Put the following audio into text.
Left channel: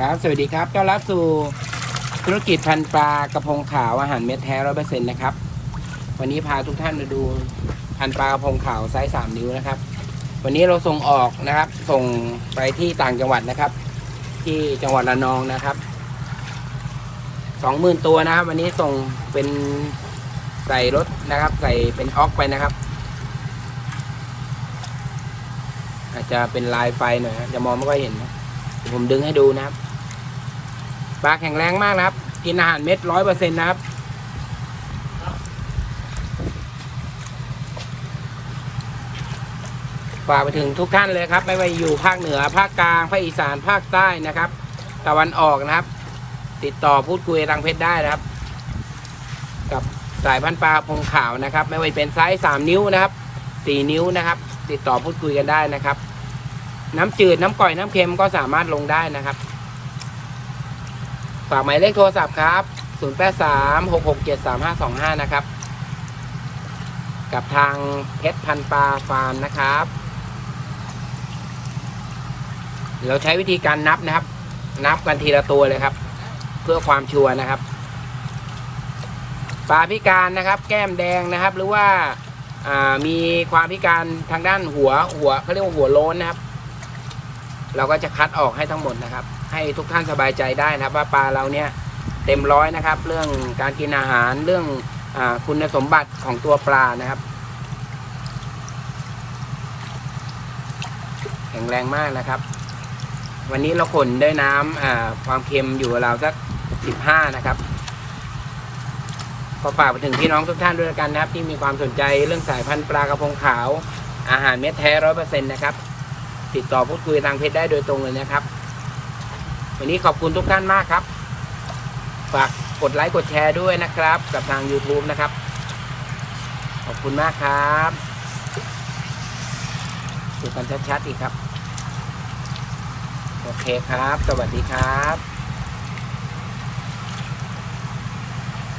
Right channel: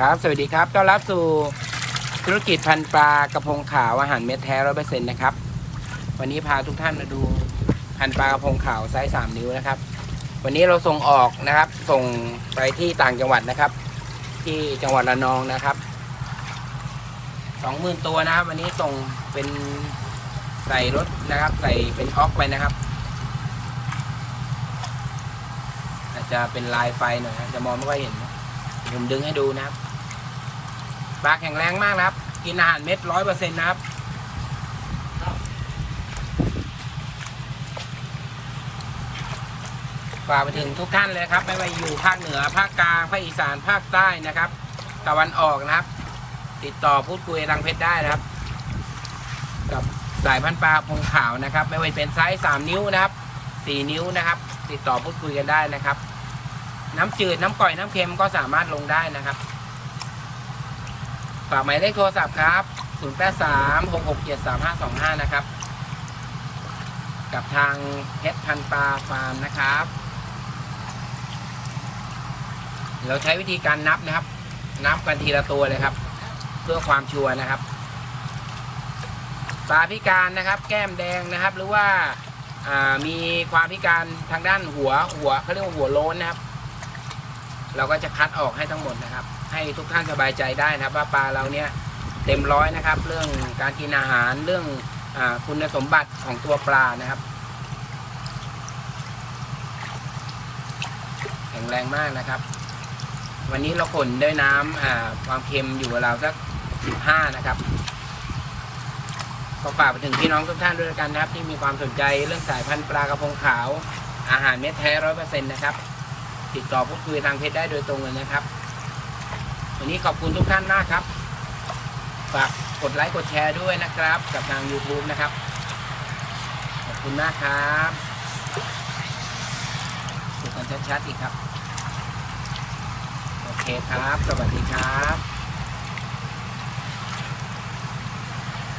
ครับ สวัสดีครับ ต้อนรับสู่ธุรกิจพันปลากระพงขาวอาหารเม็ดแท้ร้อยเปอร์เซ็นต์นะครับ วันนี้พาทุกท่านมาดูพันปลากระพงขาวไซส์สามนิ้วนะครับ วันนี้เราส่งออกนะครับ ส่งไปที่ต่างจังหวัดนะครับ ที่จังหวัดระนองนะครับสองหมื่นตัวนะครับ วันนี้ส่งเป็นใส่รถนะครับ ใส่เป็นออกไปนะครับ อาจจะเป็นลายไฟหน่อยจะมองไม่ค่อยเห็นนะผมดึงให้ดูนะครับ ปลาแข็งแรงมากนะครับ กินอาหารเม็ดร้อยเปอร์เซ็นต์นะครับฝากไปถึงทุกท่านเลยครับ ไม่ว่าอยู่ภาคเหนือภาคกลางภาคอีสานภาคใต้นะครับ ตะวันออกนะครับ ติดต่อพูดคุยทางเพจได้นะครับ กับสายพันปลาพงขาวนะครับ ไม่ว่าเป็นไซส์สามนิ้วนะครับสี่นิ้วนะครับ ติดต่อพูดคุยกันได้นะครับ น้ำจืดน้ำก่อยน้ำเค็มก็สามารถลงได้นะครับ ฝากหมายเลขโทรศัพท์ครับ 0836673525 นะครับ กับทางเพชรพันปลาฟาร์มนะครับ เราใช้วิธีการนับนะครับ นับกันทีละตัวเลยครับ เพื่อความชัวร์นะครับปลาพิการนะครับ แก้มแดงนะครับ หรือว่าอ่ามีความพิการทางด้านหัวหัวเขาเรียกว่าหัวโล้นนะครับ เราก็จะคัดออกให้ทั้งหมดนะครับ ให้ทุกท่านสบายใจได้นะครับ ว่าปลาเราเนี่ยเต็มร้อยนะครับ เรื่องการกินอาหารเรื่องอคุณสมบัติของตัวปลานะครับ แข็งแรงมากนะครับ วันนี้เราขนด้วยน้ำความเค็มอยู่เราสักสิบห้านะครับก็ฝากไปถึงพี่น้องทุกท่านด้วยกันนะครับ ที่มีความสนใจเรื่องสายพันธุ์ปลากระพงขาว อาหารเม็ดแท้ร้อยเปอร์เซ็นต์นะครับ ติดต่อพูดคุยทางเพจได้โดยตรงเลยนะครับ วันนี้ขอบคุณทุกท่านมากครับ ฝากกดไลค์กดแชร์ด้วยนะครับ กับทาง YouTube นะครับ ขอบคุณมากครับดูกันชัดๆอีกครับ โอเคครับ สวัสดีครับ